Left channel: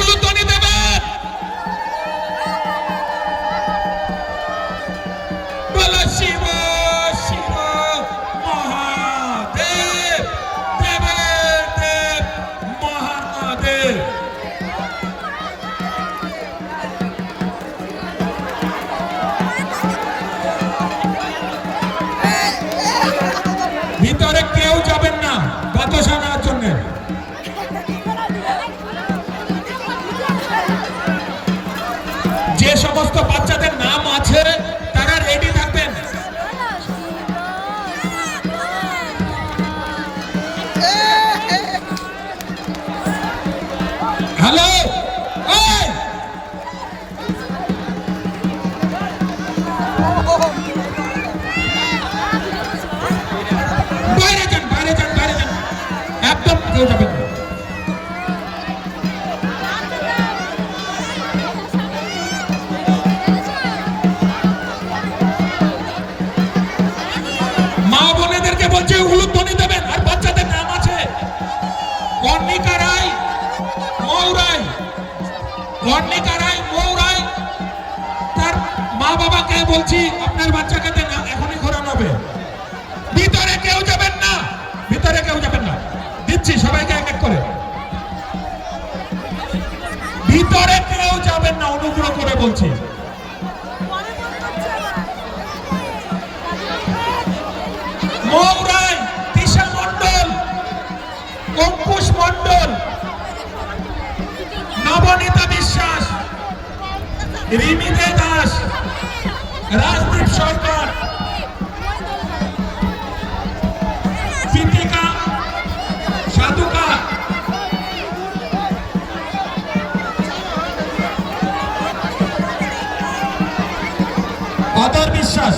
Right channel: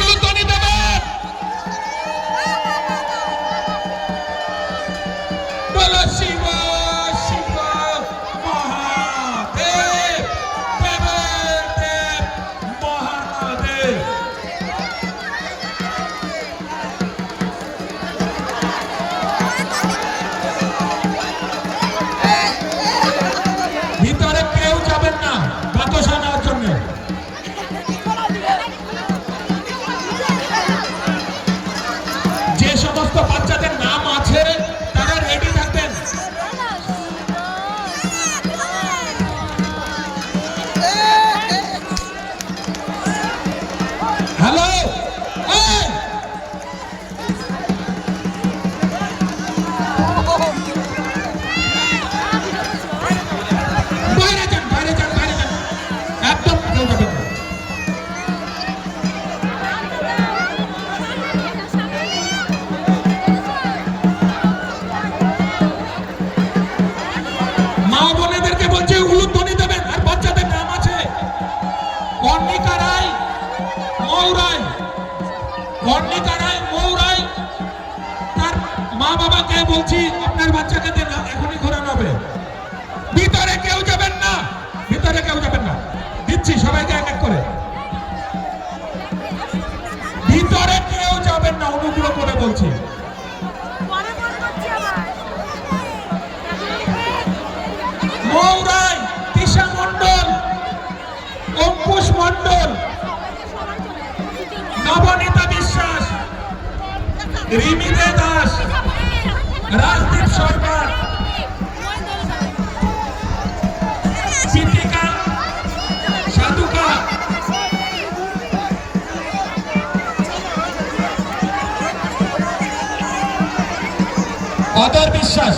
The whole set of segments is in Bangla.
উলুধ্বনি দেবেন। বলো শিব শিব মহাদেব, দেবের দেব মহাদেব। ভিতরে কেউ যাবেন না বাতাসা নেওয়ার জন্য। যে সমস্ত বাচ্চাদের নাম আছে তারা রেডি থাকবেন। হ্যালো, বাইরে যান, বাইরে যান, বাইরে যান, একদম কেউ যাবেন না। মা বোনেদেরকে বলছে উলুধ্বনি দেবেন। আর বাচ্চাদের নাম আছে কর্ণিকা রায়, মৌরায়, কর্ণিকা রায়, মৌরায়। তার মা বাবাকে বলছি আপনার বাচ্চাকে এখনই ঘোরানো হবে। ভিতরে কেউ যাবেন না, ভিতরে কেউ যাবেন না, দিচ্ছি সবাইকে এক এক করে। ভিতরে কেউ যাবেন না, অনুগ্রহ করে বলছি। মৌরাই, তিশা মন্ডল, অঙ্কুশ মন্ডল, নবনীতা বিশ্বাস, রিমিদে দাস, রাজদীপ সরকার, সিদ্দিকা সাধুকা, অদর বিশ্বাস।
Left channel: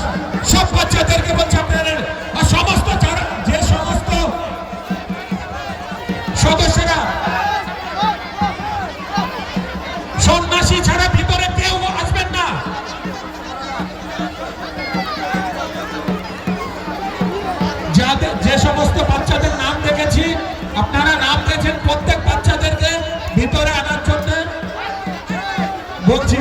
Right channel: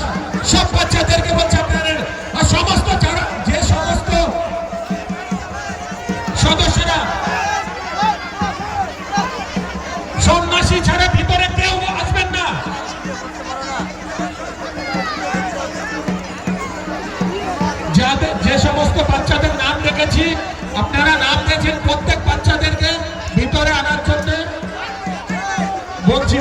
সব বাচ্চাদেরকে বলছে আপনাদের, আর সমস্ত যে সমস্ত সদস্যরা সন্ন্যাসী ছাড়া ভিতরে কেউ আসবেন না। যে সমস্ত বাচ্চাদের নাম রেখেছি, আপনারা নাম দিয়েছেন, প্রত্যেক বাচ্চাদেরকে ভিতরে আনার জন্য বলছি।